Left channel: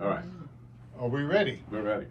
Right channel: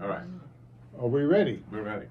All right. Are we ready? We're ready.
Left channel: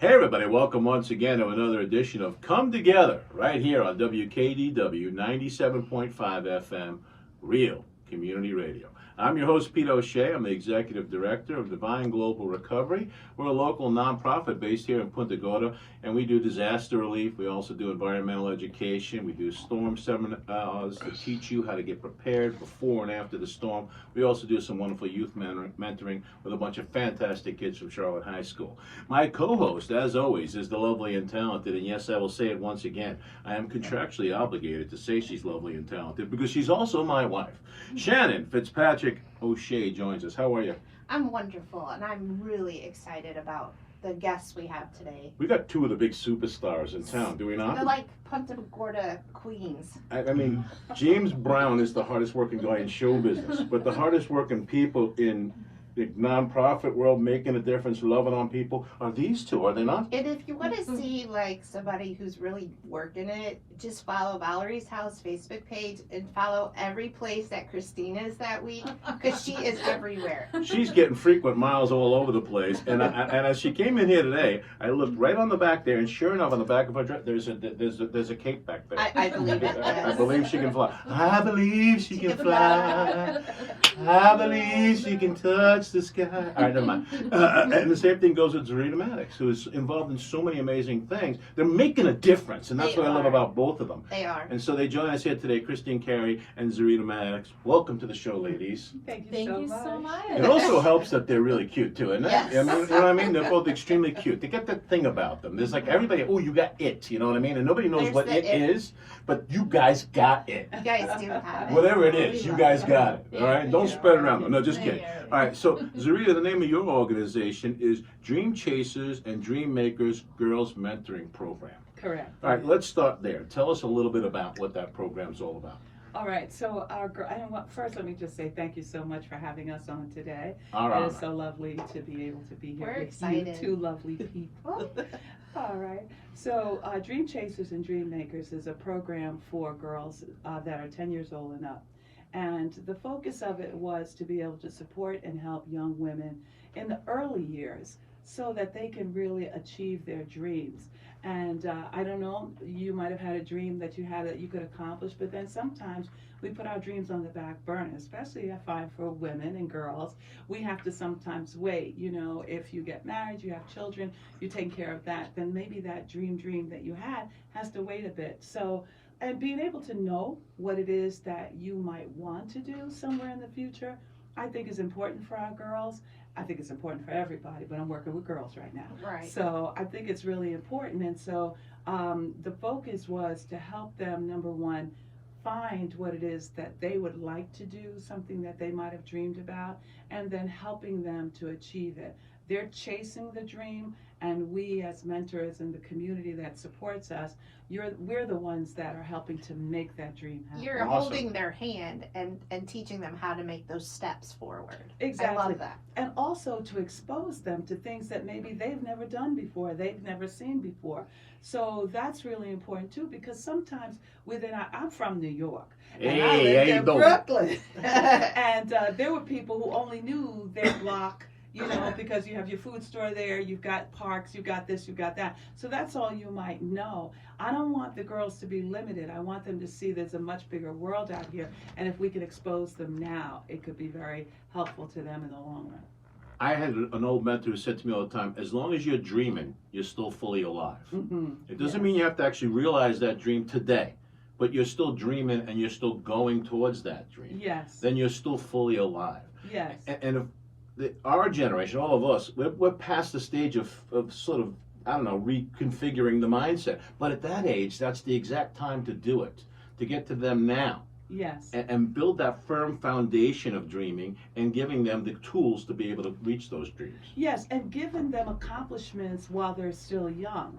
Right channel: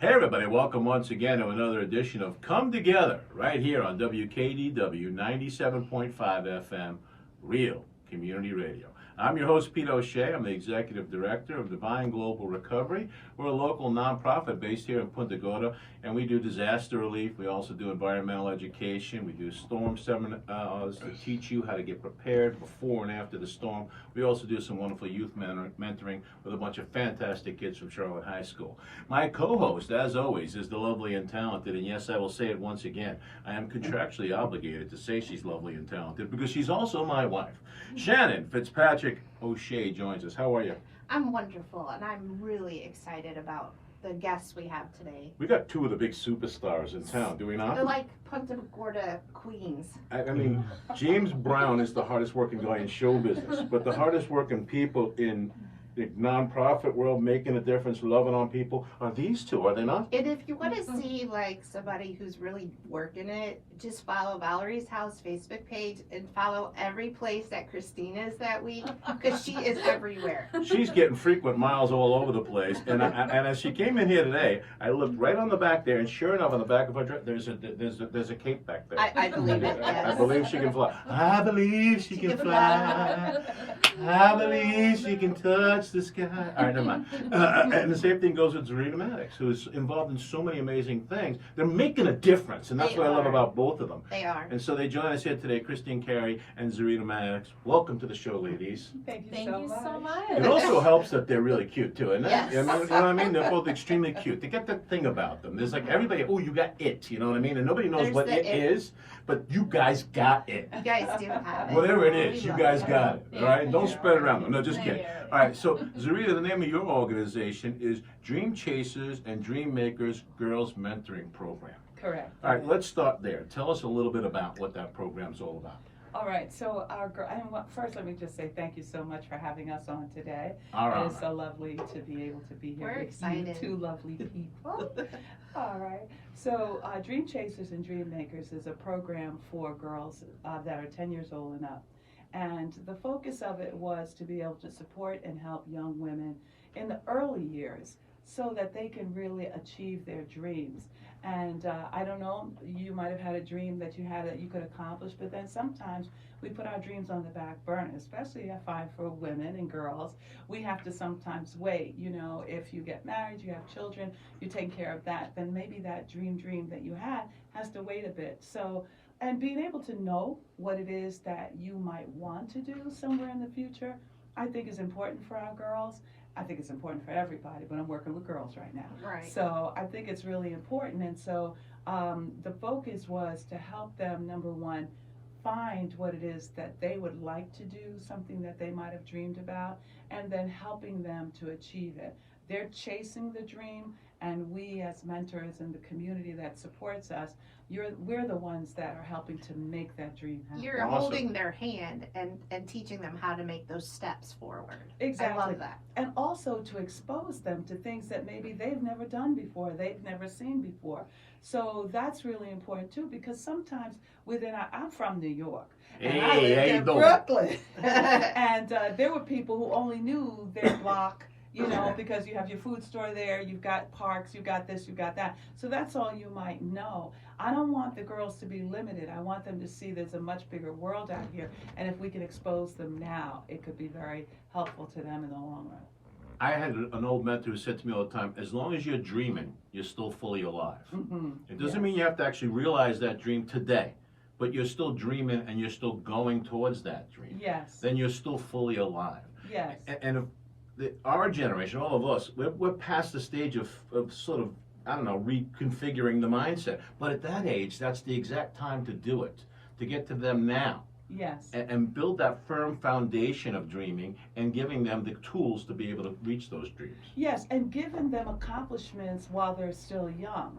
Hey everybody, welcome once again to another edition of Come Together right here on WKDW 97.5 FM, Real Community Radio. I'm your host, Pete O'Shea. I'm the Executive Director of Divine Global Recovery. We're a local nonprofit based here in Punta Gorda, and we do disaster relief. We also do environmental education. We do storm seminars to teach you how to get prepared before and after the storm. We also do some wonderful youth mentoring with a bunch of fantastic kids from Charlotte High School. My co-host, as always, is the lovely and talented, and yes, I will say it once again, I am contractually obligated to say she's lovely and talented because she's also my wife. Shannon Fitzpatrick O'Shea joins us. How are you? I'm wonderful, and I'm really excited about the guests we have today. We got two of the big superstars in town, do we not? They're like Punta Gorda queens. I mean, James Brown is the hardest working guy in show business, but the hardest working people in the nonprofit world making a difference, loving on people, are these two, are they not? And if you want to see like somebody who's really working it, just follow Valerie's House Facebook page and follow every place that Christina is that week, because she is everywhere. She's getting frequent miles all over the place, and as she came in here today, I looked right on the back there, and sure enough, on the back of her dress, there's a cape back there. I believe it. I Yes. believe she can fly. I believe she can fly. I believe she can touch the sky. All right, never mind. And the same thing goes with Zarita Mattox, who is involved in so many amazing things. They're making a difference, and that's They what I love are. about both of them. They are. And so they join us here today, Carey and Zarita Mattox. Welcome to the show, ladies. Thank you so much. It also helps that they're really cute too, isn't it? Yes. You know what I mean? They're both extremely cute. They get that thing about them. There's like everybody, oh, you got it, you know what I mean? And nobody knows There's what the it it. is, but you guys got it. You guys do have it. Whatever it We is, you love guys it. got it. All right? Don't spread it around. No, just kidding. Yeah. All right, so Zarita, the name of your organization is Dream Chasers and Dream Makers Girls Mentoring Program. Correct. All right, let's start there. Tell us a little bit about what that program's all about. All right. So first, let me just say thank you so much for having us on today. All It right. is so lovely to be able to be here We're with excited. you two lovely people. All right. So Dream Chasers and Dream Makers is a program for girls that are 10 years old and up. And the focus of it was to be able to support and help young women in the early years so that they can really achieve their dreams. And I don't know, you might have had a dream that you could accomplish, but then sometimes we put our dreams on the back burner, especially I find for women and girls. We have to sometimes wait. You know, if you get married, you have children, you're taking care of that, then maybe that dream that you had has to wait a bit. So, and being able to know what it is that you might want to do somewhere in the future, I think is important for our girls. I think it's important for everybody, but I'm working with girls right now. Right. So I think it's really important. And so the focus was to help them, number one, find what it is that they would like to do, something that they might have dreamed about, and then helping them to achieve it. They're chasing the dream, and we as mentors in the community that supports us, we're the ones that are helping to make that dream happen. You're Awesome. holding their hand and teaching them how to make those steps forward. Exactly. I love that. And also to expose them to things that maybe they've never done before, they've never seen before. So that's really important too, because sometimes I'm from New York. And I Hey, lived how you in doing? Brooklyn. And there were people who only knew their block, you know, because you have your food store there, you've got parks, you've got this, you've got that. So that's all you might know. I don't want the girls to be limited. I want them to see there's a much bigger world out here. And if we can expose them now, it could be very helpful to them in the long run. I had an old mentor who said to me all the time, as long as you're dreaming, you're still fully alive. Mm-hmm. It doesn't mean you have to actually realize that dream today, but you're still dreaming and you're still going towards that dream. Yes. Then you're still fully alive. Yes. And if our generation, all of us, we're past the stage of sort of, I don't know, reconfiguring the mindset. But at that age, that's the exact time to do it, to get to them now. Yes. And build that firm foundation of dreaming and giving them the tools to be able to reach those dreams. Yes, and giving them accomplishments while they're still young.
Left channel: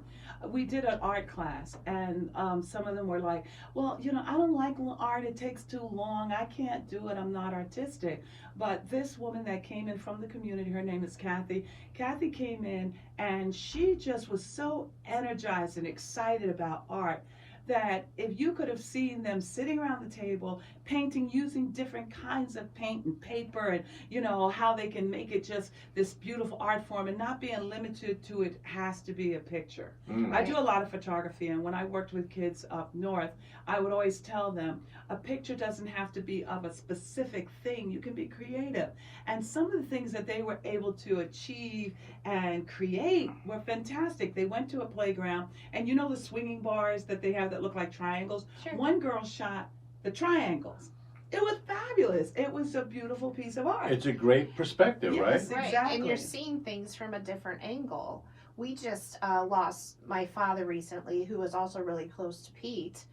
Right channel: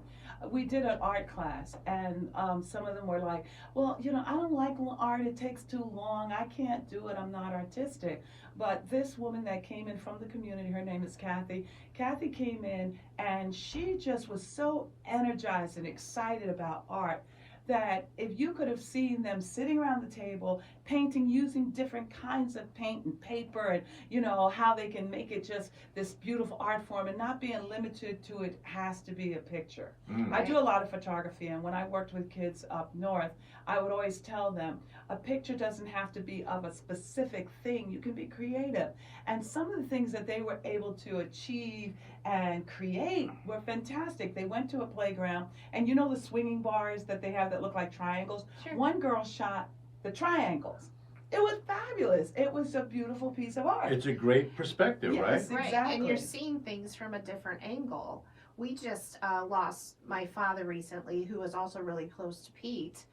We did an art class, and some of them were like, well, you know, I don't like art. It takes too long. I can't do it. I'm not artistic. But this woman that came in from the community, her name is Kathy. Kathy came in, and she just was so energized and excited about art that if you could have seen them sitting around the table painting using different kinds of paint and paper, and how they can make it just this beautiful art form and not being limited to it has to be a picture. I do a lot of photography, and when I worked with kids up north, I would always tell them a picture doesn't have to be of a specific thing. You can be creative. And some of the things that they were able to achieve and create were fantastic. They went to a playground, and the swinging bars that they have that look like triangles? Sure. One girl shot the triangles. It was fabulous. It was a beautiful piece of art. It's a great perspective, Yes, right? Right, exactly. and you're seeing things from a different angle. We just lost my father recently, who was also really close to Pete,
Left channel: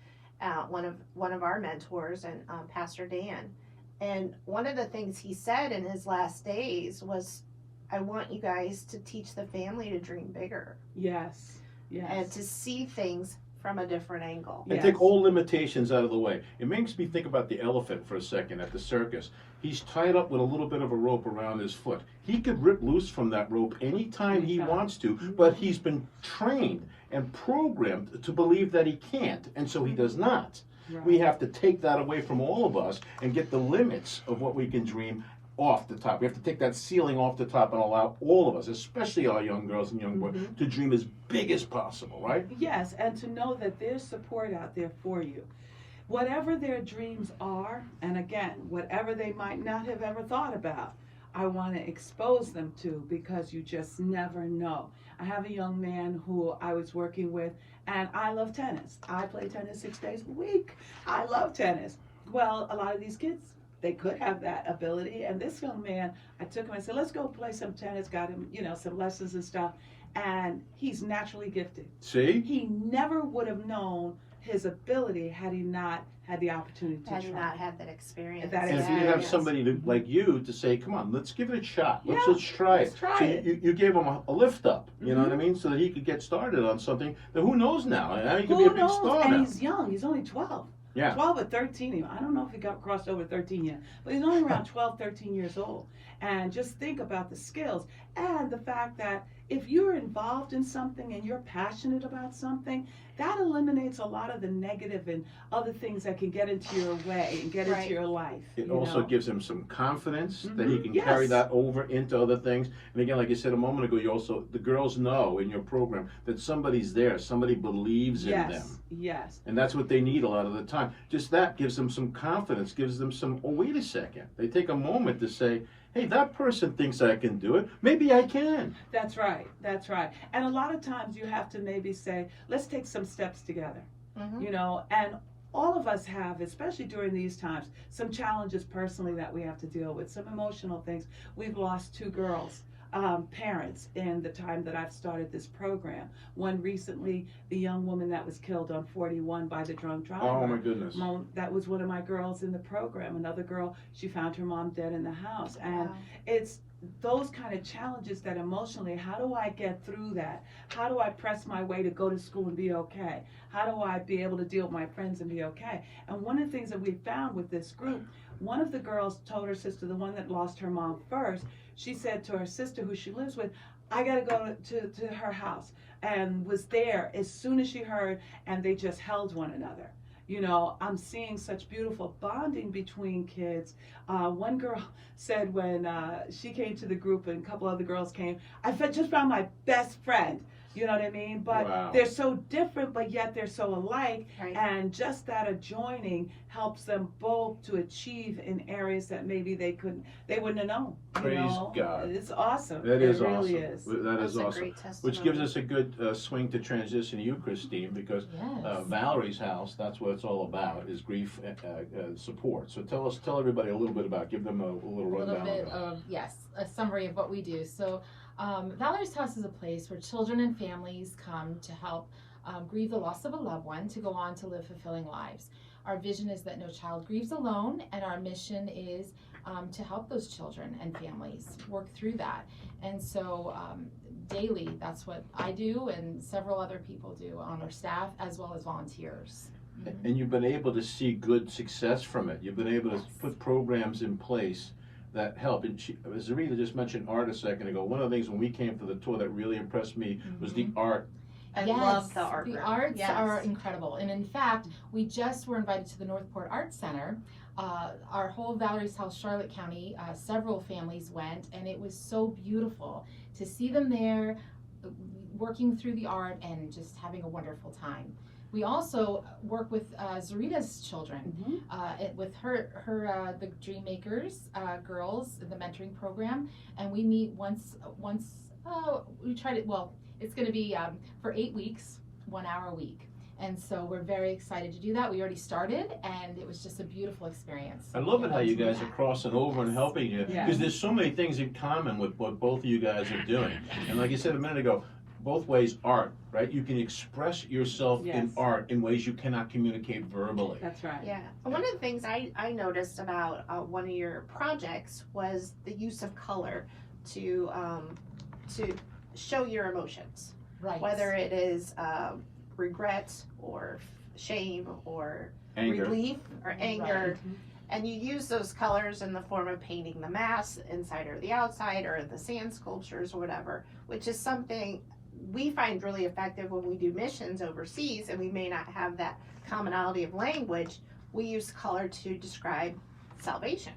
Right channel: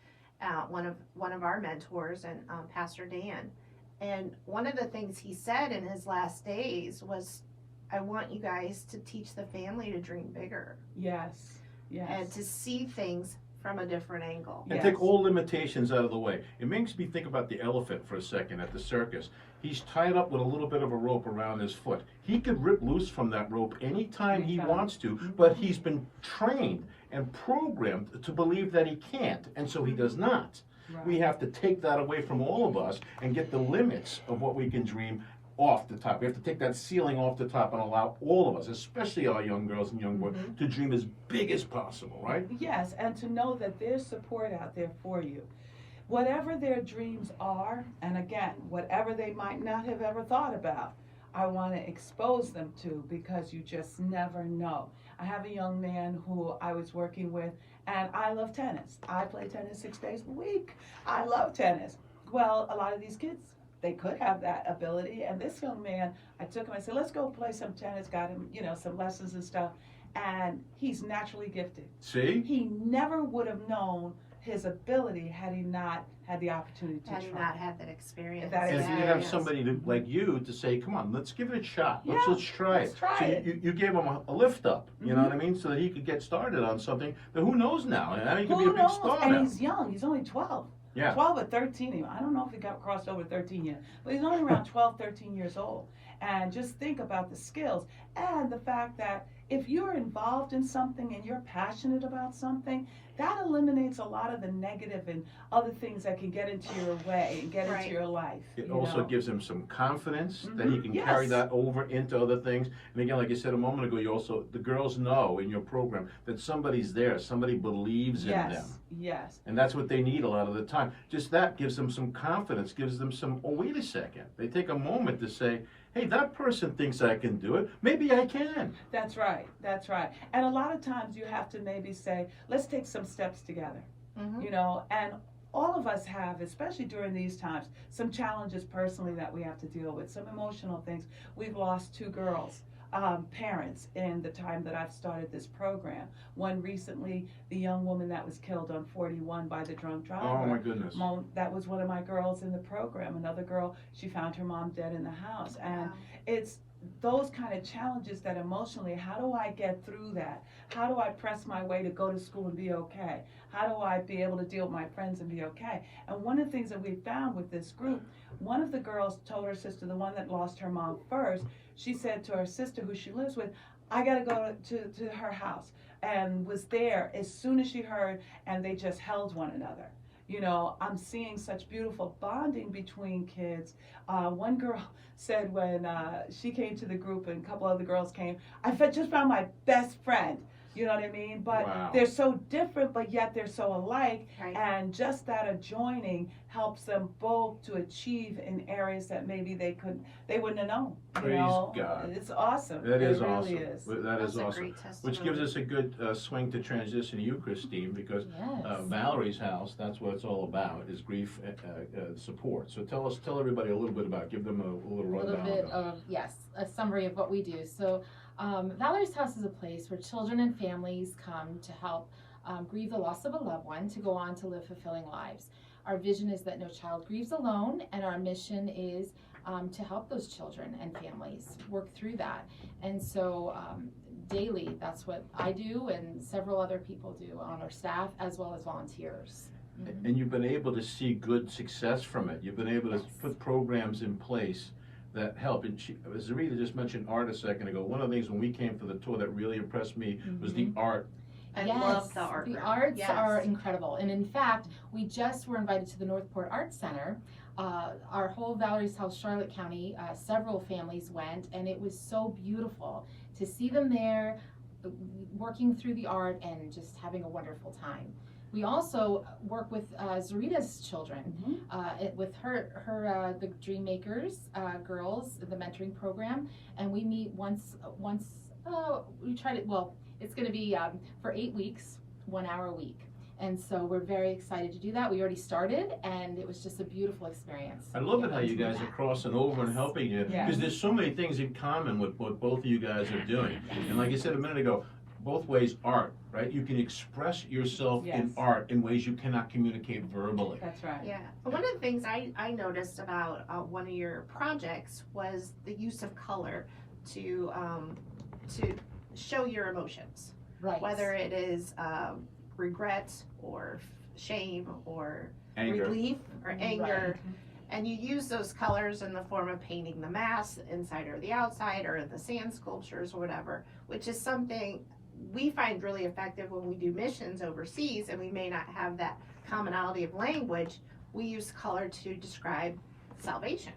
one of our mentors, and Pastor Dan. And one of the things he said in his last days was, "I want you guys to teach the family to dream bigger Yes. and to see things from a different angle." And take all limitations out of the way. It makes me think about the elephant for a second at the circus. He's tied up with a little bit of a rope around his foot. He could rip loose from that rope anytime he wants to, but he's been trained and programmed to believe that he can't, and so he does not. Right. We have to take that away from all of us and get the limits of what we can dream off the top. We have to take that ceiling off the top and allow all of us, especially our young girls and young boys, to dream as big as possible, right? Yes, and to know that there's support out there for you. Whatever their dreams are, and again, whatever they might not have ever thought about, I want to expose them to, because you just never know. I have a young man who I was working with, and I love tennis. I play tennis 6 days a week. I love tennis. Well, a lot of these kids, they could have that ability. And this young man, I took him, I said, let's go play some tennis, got him, some lessons and stuff. And he's naturally gifted. See? He never would have known his ability had he not had the opportunity to Had try. you not had that experience. That And if you Yeah, have yes. somebody like you to say, come on, let's give it a shot. Let's try let's it. try So it. you gave him a lift up, you know what I mean? So that he could get started on something that who knows now. And now he could be a Who big knows? star And now. he's young. He's only 12. Yeah. 12 or 13. I don't know if he got crossed over 13 yet, but he's only around 12, 13 years old. And just think about the skills and the fact that if you're involved in something and you're passionate about something, that eliminates a lot of the negative and other things that can get into your way and get into your life. It you also know? gives him some confidence that he can Yes. carry that over into other things. And again, like you said a moment ago, the girls know in your program that somebody's there, somebody believes in them. Yes. And that's what they need a lot of the time. Just that gives them some confidence, gives them some, oh, wait a second. They take a moment to say, hey, that person thinks I can do it. Maybe I can. That's right. That's right. And a lot of times you have to maybe say, let's take some steps together. And all of us have, especially during these times, some challenges personally that we have to deal with, some emotional things. We've lost 2 girls, parents, in the time that I've started this program. One recently, the young woman that was killed on 41 by the drunk driver. Oh, my goodness. That was one of my girls in the program. Another girl, she found her mom dead in the house. And it's those kind of challenges that emotionally, how do I get through that? How do I press my way to go to school and be okay? How do I be able to deal with my friends and be okay? And one of the things that we found with this group, one of the girls told her sister, the one that lost her mom first, she said to her sister who she lives with, I got to go to her house, and was there as soon as she heard, and they just held one another. I'm seeing such beautiful bonding between kids. One girl said when she came to the group and a couple other girls came, I just found my best friend. You know what I mean? But they're so different, but yet they're so alike. Right. And just that adjoining helps them both to achieve in areas that maybe they wouldn't have known. Praise God. It's awesome. That is it really awesome. is. That is That's a awesome. great testimony. Which gives us a good swing to transition to you, Christine, because Valerie's house, that's what it's all about, is grief support. So tell everybody a little bit about, give them a little rundown. A little bit of, a summary of what we do. So Valerie's house is a place where children and families come to help grieve the loss of a loved one to go on to live fulfilling lives. Our vision is that no child grieves alone, and our mission is to help those children and families work through that. And so daily, that's what I do and several other people do on our staff as well as volunteers. And you've been able to see good success from it. You've been able to put programs in place that help. And Zarita just mentioned art a second ago. One of the things when we came for the tour that really impressed me was the art and Yes, love the art. the room. arts Yes. are incredible. And in fact, we just were invited to the Northport Arts Center. Our whole Valerie's House, Charlotte County, several families went, and it was so beautiful to see them there working through the art and just having a wonderful time. We also work with Zarita's children, with her the Dream Makers girls, the mentoring program, and we meet once. We try to, well, it's going to be for 8 weeks, 1 hour a week. And so we're very excited to do that. We already started, and it was just a beautiful experience. I love it how you guys are crossing over and helping you, because there's so many things in common with what both of you guys are doing. And like you said a minute ago, both ways art, right? You can express yourself in art in ways you cannot communicate verbally. That's right. Yeah. One of the things I noticed about one of your projects was the use of color to show your emotions. Right. Whether it is regret or shame or Anger. relief or anger. Right. And you use those colors in the form of painting the mass inside or the outside or the sand sculptures or whatever, which is something we find really effective when we do missions overseas and we may not have that commonality of language. We use color to describe salvation.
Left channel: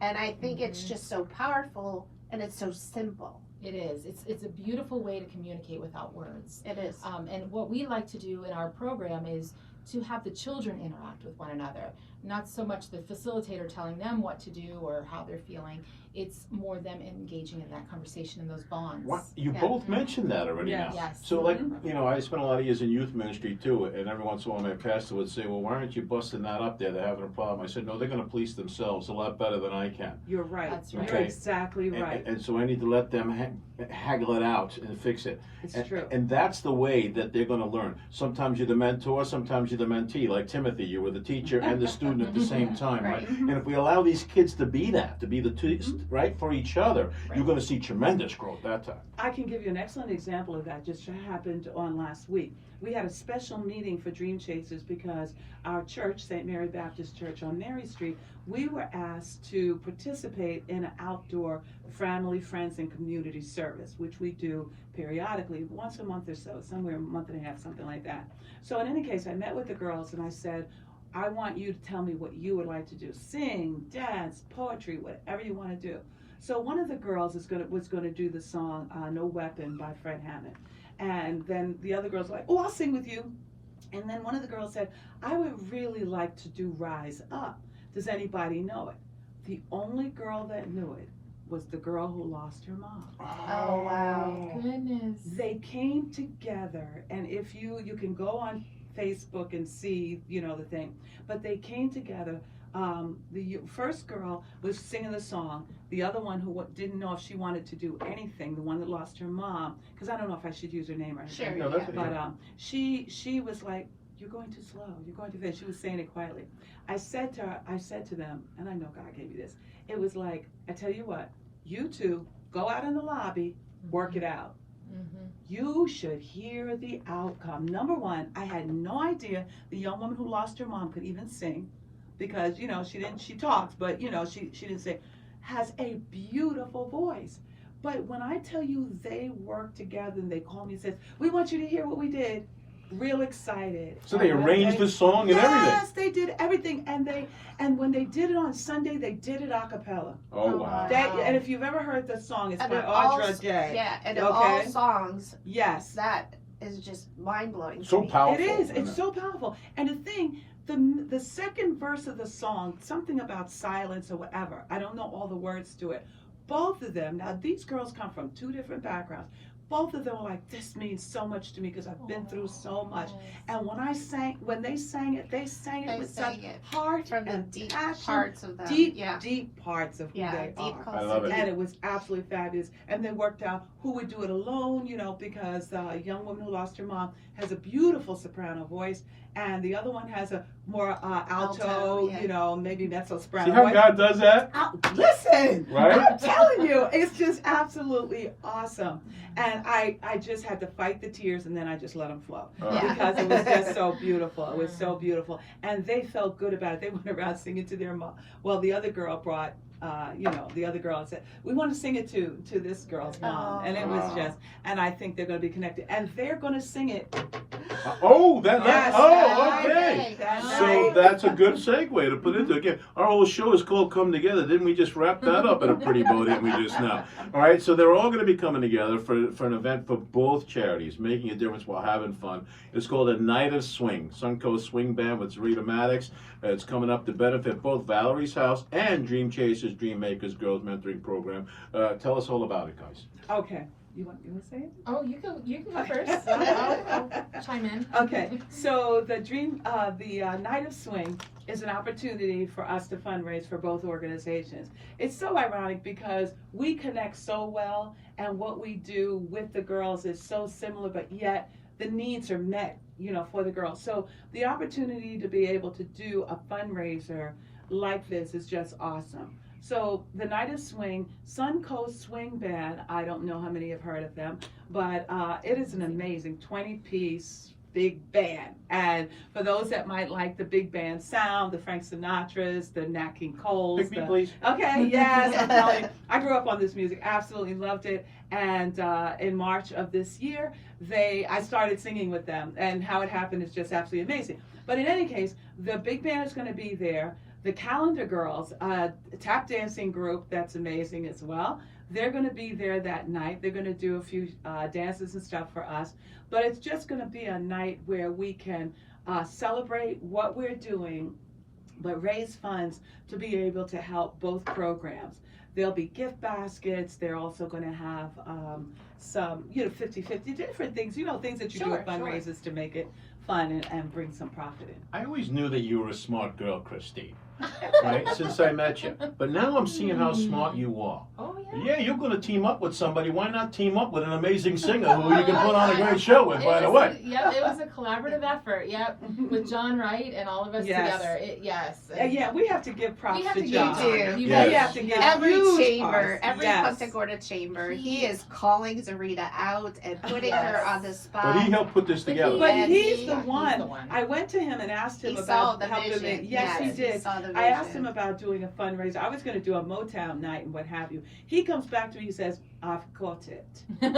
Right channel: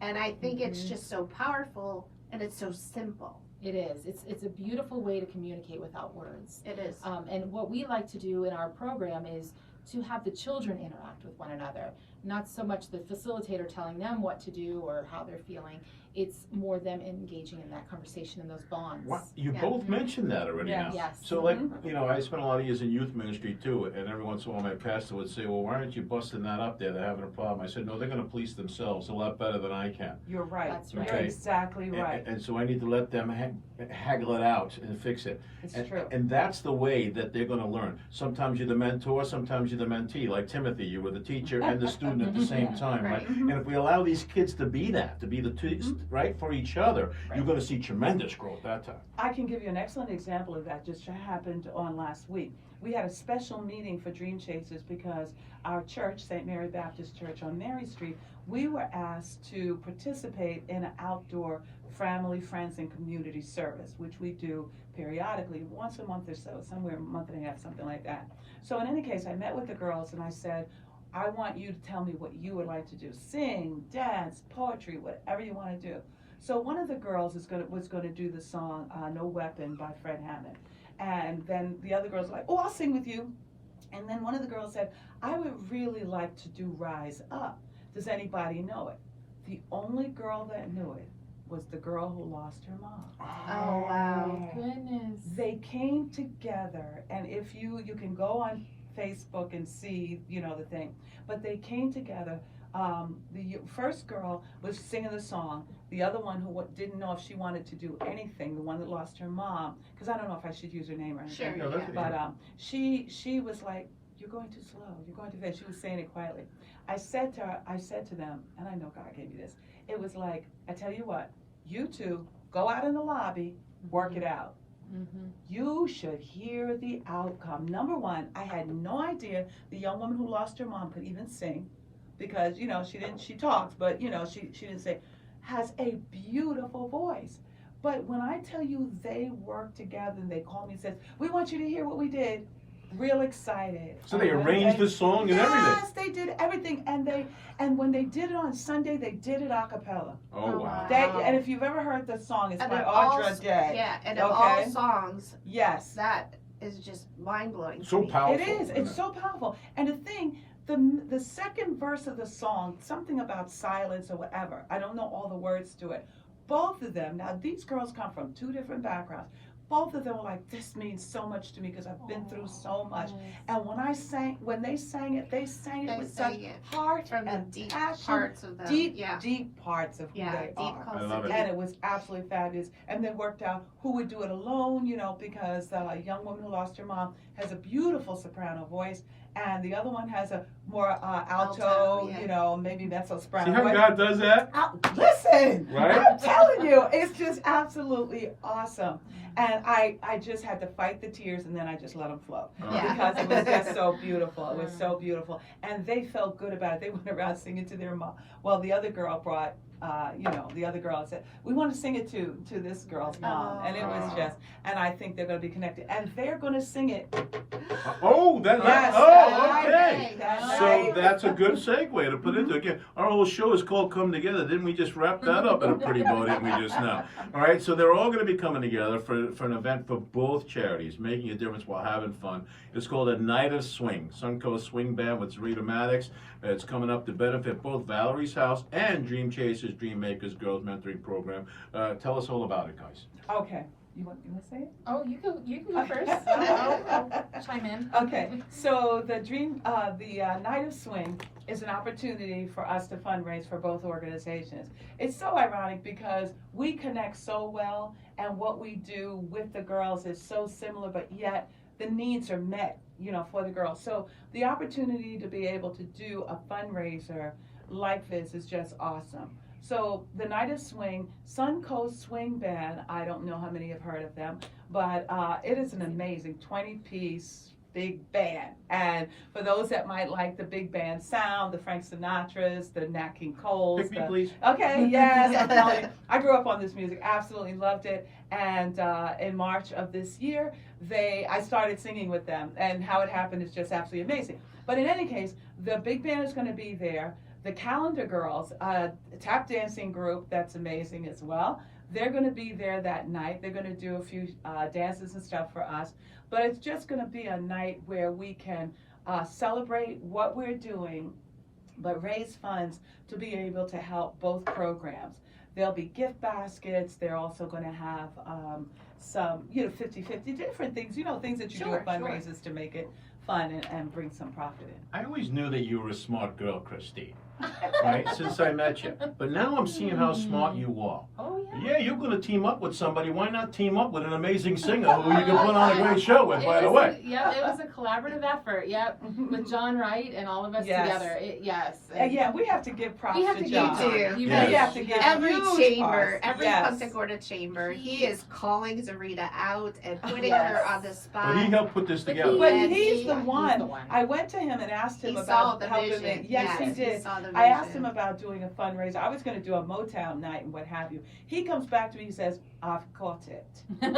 And I think it's just so powerful and it's so simple. It is. It's a beautiful way to communicate without words. It is. And what we like to do in our program is to have the children interact with one another. Not so much the facilitator telling them what to do or how they're feeling. It's more them engaging in that conversation and those bonds. You both mentioned that already now. Yes. So like, you know, I spent a lot of years in youth ministry too, and every once in a while my pastor would say, well, why aren't you busting that up there? They're having a problem. I said, no, they're going to police themselves a lot better than I can. You're right. That's right. You're exactly right. And so I need to let them haggle it out and fix it. It's true. And that's the way that they're going to learn. Sometimes you're the mentor, sometimes you're the mentee. Like Timothy, you were the teacher and the student at the same time, right? And if we allow these kids to be that, to be the right for each other, you're going to see tremendous growth that time. I can give you an excellent example of that. Just happened on last week. We had a special meeting for Dream Chasers because our church, St. Mary Baptist Church on Mary Street, we were asked to participate in an outdoor family, friends, and community service, which we do periodically, once a month or so, somewhere a month and a half, something like that. So in any case, I met with the girls and I said, I want you to tell me what you would like to do. Sing, dance, poetry, whatever you want to do. So one of the girls was going to do the song No Weapon by Fred Hammond. And then the other girls were like, oh, I'll sing with you. And then one of the girls said, I would really like to do Rise Up. Does anybody know it? The only girl that knew it was the girl who lost her mom. Oh, wow. Goodness. They came together, and if you can go on Facebook and see, you know, the thing, but they came together. The first girl was singing the song. The other one who didn't know if she wanted to do anything, the one that lost her mom, because I don't know if I should use her name or anything. Sure, yeah. But she was like, you're going too slow, you're going too fast. She was saying it quietly. I said to them, and I know God gave me this, it was like, I tell you what, you two go out in the lobby, work it out. You should hear the outcome. Number one, I had no idea the young woman who lost her mom could even sing, because, you know, she talks, but, you know, she didn't sing. Has a beautiful voice. But when I tell you they worked together and they called me and said, we want you to hear what we did, real excited. So they arranged the song and everything. Yes, they did everything. And when they did it on Sunday, they did it a cappella. Oh, wow. And if you've ever heard the song, it's And by in all- Audra Day. Yeah, and in all songs, Yes. that is just mind-blowing. So to me. powerful. It is. It's so powerful. And the thing, the second verse of the song, something about silence or whatever, I don't know all the words to it. Both of them, now these girls come from two different backgrounds. Both of them were like, this means so much to me because I've been through so much. And when they sang it with such heart from the and deep passion, parts of them. deep parts of who they deep are. parts I love it. And it was absolutely fabulous. And they worked out who would do it alone, you know, because the young woman who lost her mom has a beautiful soprano voice, and the other one has a more alto, yeah. you know, maybe mezzo-soprano See how voice. God does that? Listen, Right? I'm telling you, it's just absolutely awesome. And I just had to fight the tears, and then I just let them flow because it was just so beautiful. It was so beautiful, and they felt good about it. They went around singing to their mom. Well, the other girl brought the other girl said, we want to sing it to this girl's mom. And it was just, and I think they're going to be connected. And they're going to sing it. Okay. So that's a good segue to put into again. Our whole show is called Come Together. Didn't we just wrap that up in a pretty bow, didn't we just now? All right, so they're all going to be coming together for an event for both charities, making a difference while having fun. It's called a Night of Swing, Suncoast Swing Band with Zarita Mattox. It's coming up to benefit both Valerie's House and Dream Chasers, Dream Makers Girls Mentoring Program. Tell us all about it, guys. Okay. You want to say it? Oh, you can go first. I'll chime in. Okay, so the Night of Swing is an opportunity for us to fundraise for both organizations. It's so ironic because we connect so well, and what we do with the girls is so similar, but yet the needs are met, for the girls. So the opportunity to be able to do a fundraiser like this is just awesome. So the Night of Swing, Suncoast Swing Band, I don't know how many have heard of them, but it is an amazing 20-piece big band. And for those that might like the big band sound, the Frank Sinatras, the Nat King Coles. Pick me, please. Okay, yes, I'm telling you. I grew up on this music, absolutely loved it. And in March of this year, I started singing with them, and how it happened is just absolutely amazing. But in any case, the big band is going to be there. The Calendar Girls, a tap dancing group that's amazing as well. They're going to be there that night. They're going to do a few dances and stuff for us. But it's just going to be a night where we can celebrate what we're doing, but raise funds to be able to help both programs. There'll be gift baskets. They're also going to have some, 50-50 different things, things that you do at fundraisers to make it fun and bring some profit in. I always knew that you were a smart girl, Christine. Right, since I met you. But now I'm seeing how smart you are. Oh, yeah. Yeah, you're going to team up with somebody. Why not team up with an amazing singer who you can put on a great show with, by the way? Yep, it was a collaborative effort, with John Wright and all of us together. Yeah, we have to give props we have to to John. give We have to give every huge chamber, props. every Punta Gorda chamber, he is calling Zarita out and putting her on the spot. But he helped put this together. But he's He's the the one. one. I went to him and asked him He saw about the helping vision. me. Yes, he did. saw the I asked vision. him about doing a fundraiser. I was going to do a Motown night and what have you. He comes back to me, he says, I've got it. He's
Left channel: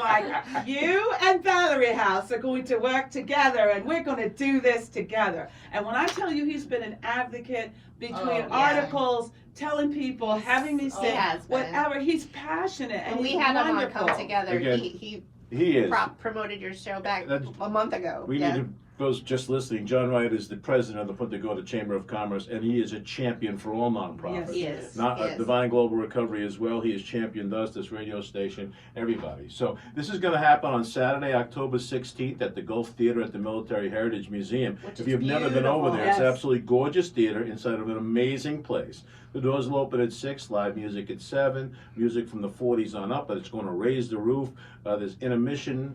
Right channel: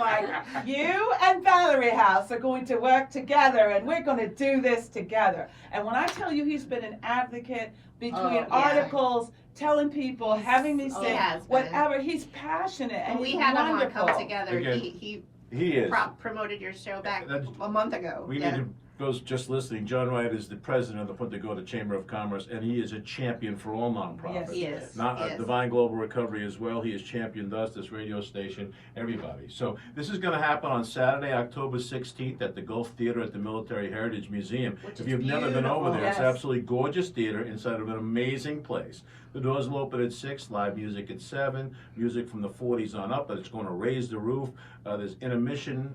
like, you and Valerie House are going to work together and we're going to do this together. And when I tell you he's been an advocate between articles, telling people, having me sing, whatever, he's passionate and we he's had wonderful. him on Come Together. Again, He is. promoted your show back a month ago. We need to, those just listening, John Wright is the president of the Punta Gorda Chamber of Commerce, and he is a champion for all nonprofits. Yes, he is. Not He is. Divine Global Recovery as well. He has championed us, this radio station, everybody. So this is going to happen on Saturday, October 16th at the Gulf Theater at the Military Heritage Museum. If you've never been over there, it's absolutely gorgeous theater inside of an amazing place. The doors will open at 6, live music at 7, music from the 40s on up, but it's going to raise the roof. There's intermission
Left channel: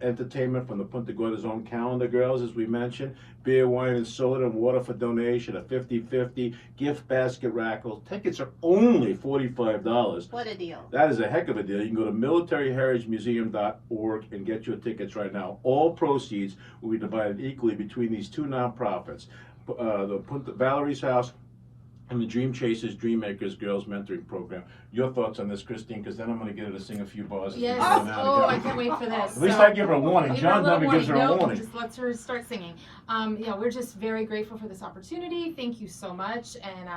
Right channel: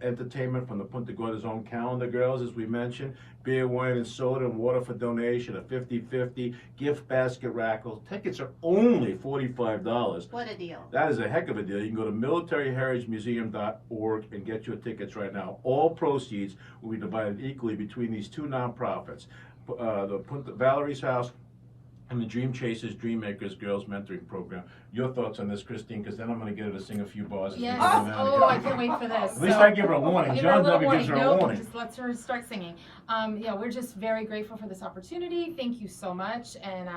entertainment from the Punta Gorda's own Calendar Girls, as we mentioned. Beer, wine, and soda, and water for donation, a 50-50 gift basket raffle. Tickets are only $45. What a deal. That is a heck of a deal. You can go to militaryheritagemuseum.org and get your tickets right now. All proceeds will be divided equally between these two nonprofits, the Valerie's House and the Dream Chasers, Dream Makers Girls Mentoring Program. Your thoughts on this, Christine, because then I'm going to get her to sing a few bars. Yes. Oh, I can't wait for this. At least I give her a warning. Give her John a little never gives her a Nope, warning. just lets her start singing. We're just very grateful for this opportunity. Thank you so much. And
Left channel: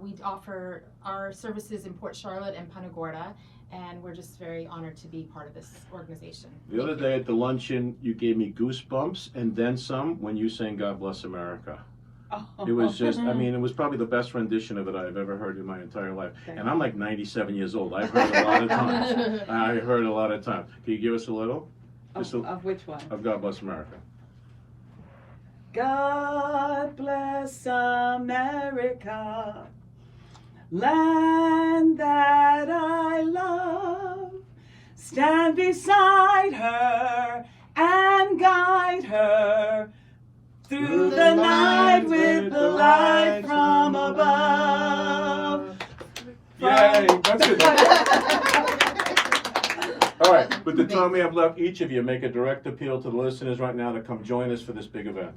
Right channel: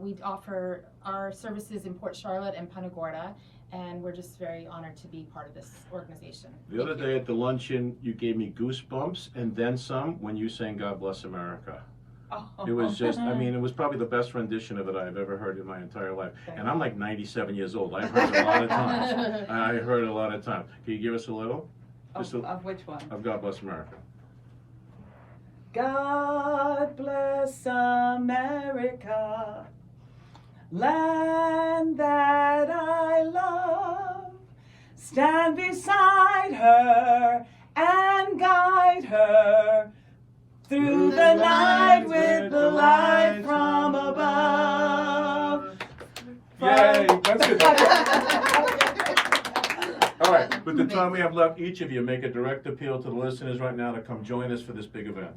we offer our services in Port Charlotte and Punta Gorda, and we're just very honored to be part of this organization. The other day at the luncheon, you gave me goosebumps and then some when you sang God Bless America. It was just, it was probably the best rendition of it I've ever heard in my entire life. And I'm like 97 years old. I've heard it a lot of times. I heard it a lot of times. Can you give us a little? Of which one? Of God Bless America. God bless America, land that I love. Stand beside her and guide her through the night with the light from above. Yay! That's good. All right, with the time we have left, each of you make a direct appeal to the listeners right now to come join us for this big event.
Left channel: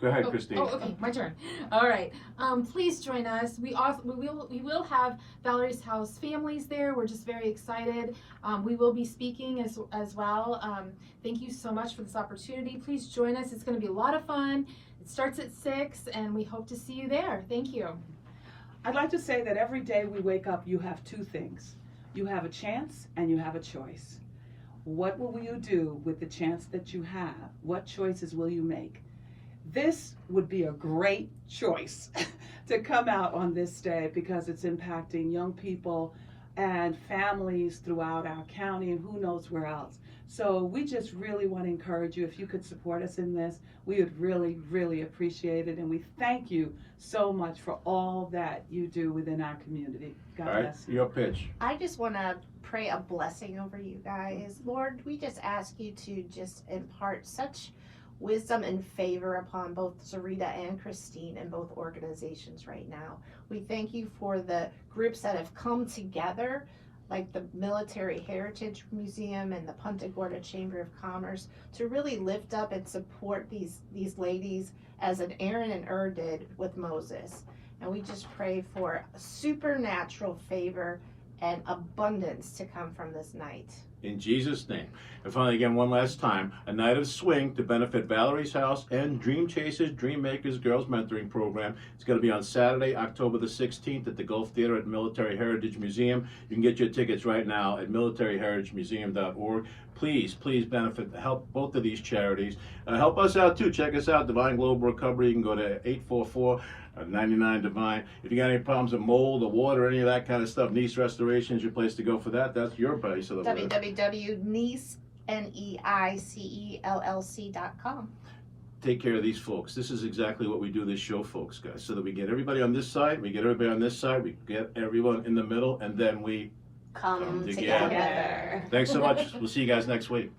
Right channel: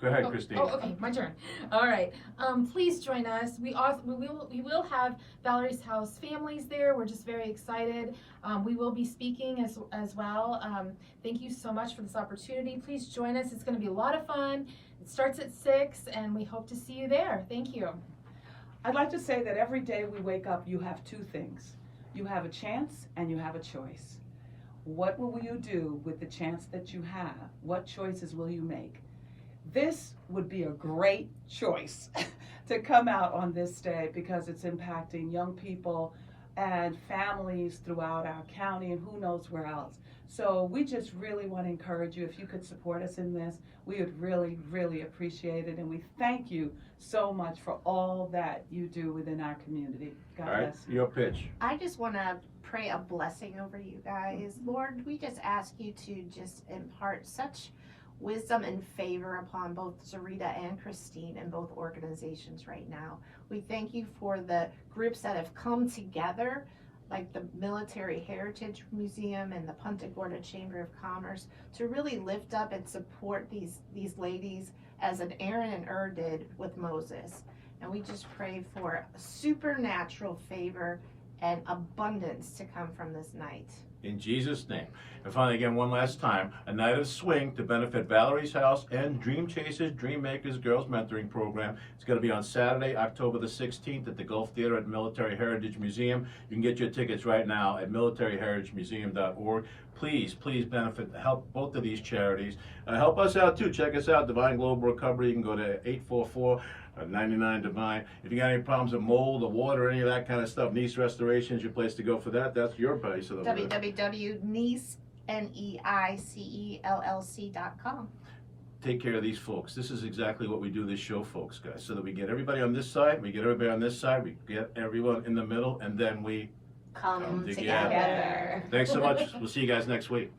Go ahead, Christine. Oh, okay, my turn. All right. Please join us. We will have Valerie's House families there. We're just very excited. We will be speaking as well. Thank you so much for this opportunity. Please join us. It's going to be a lot of fun. It starts at 6, and we hope to see you there. Thank you. I'd like to say that every day we wake up, you have two things. You have a chance and you have a choice. What will you do with the chance that you have? What choices will you make? This would be a great choice to come out on this day because it's impacting young people and families throughout our county and who knows where else. So we just really want to encourage you, if you could support us in this, we would really, really appreciate it. And we thank you so much for all that you do within our community. God All right, bless you. your pitch. I just want to pray a blessing over you guys. Lord, we just ask you to just impart such wisdom and favor upon both Zarita and Christine and both organizations right now. We thank you for the groups that have come together, like the Military Heritage Museum and the Punta Gorda Chamber of Commerce, to really lift up and support these ladies as an Aaron and Ur did with Moses. And we just pray for supernatural favor and abundance to come from this night. In Jesus' name. And finally, again, one last time, a night of swing to benefit Valerie's House and Dream Chasers, Dream Makers Girls Mentoring Program. It's going to be on Saturday, October the 16th at the Gulf Theater at Military Heritage Museum. You can get your tickets right now at militaryheritagemuseum.org. Please benefit, help both of these charities. Help us out too. Check us out, Divine Global Recovery. You can go to 844-99 Divine. If you got any problems with mold or water or any of that kind of stuff, Nice Restoration is your place to go for that. That's your place. So www.neicellc.com. Take care of these folks. This is exactly what we do this show, folks, guys. So that we get everybody on this side, we get everybody on this side, we get everyone in the middle, and then we Come together. together. Thanks so much. We'll see you guys next week.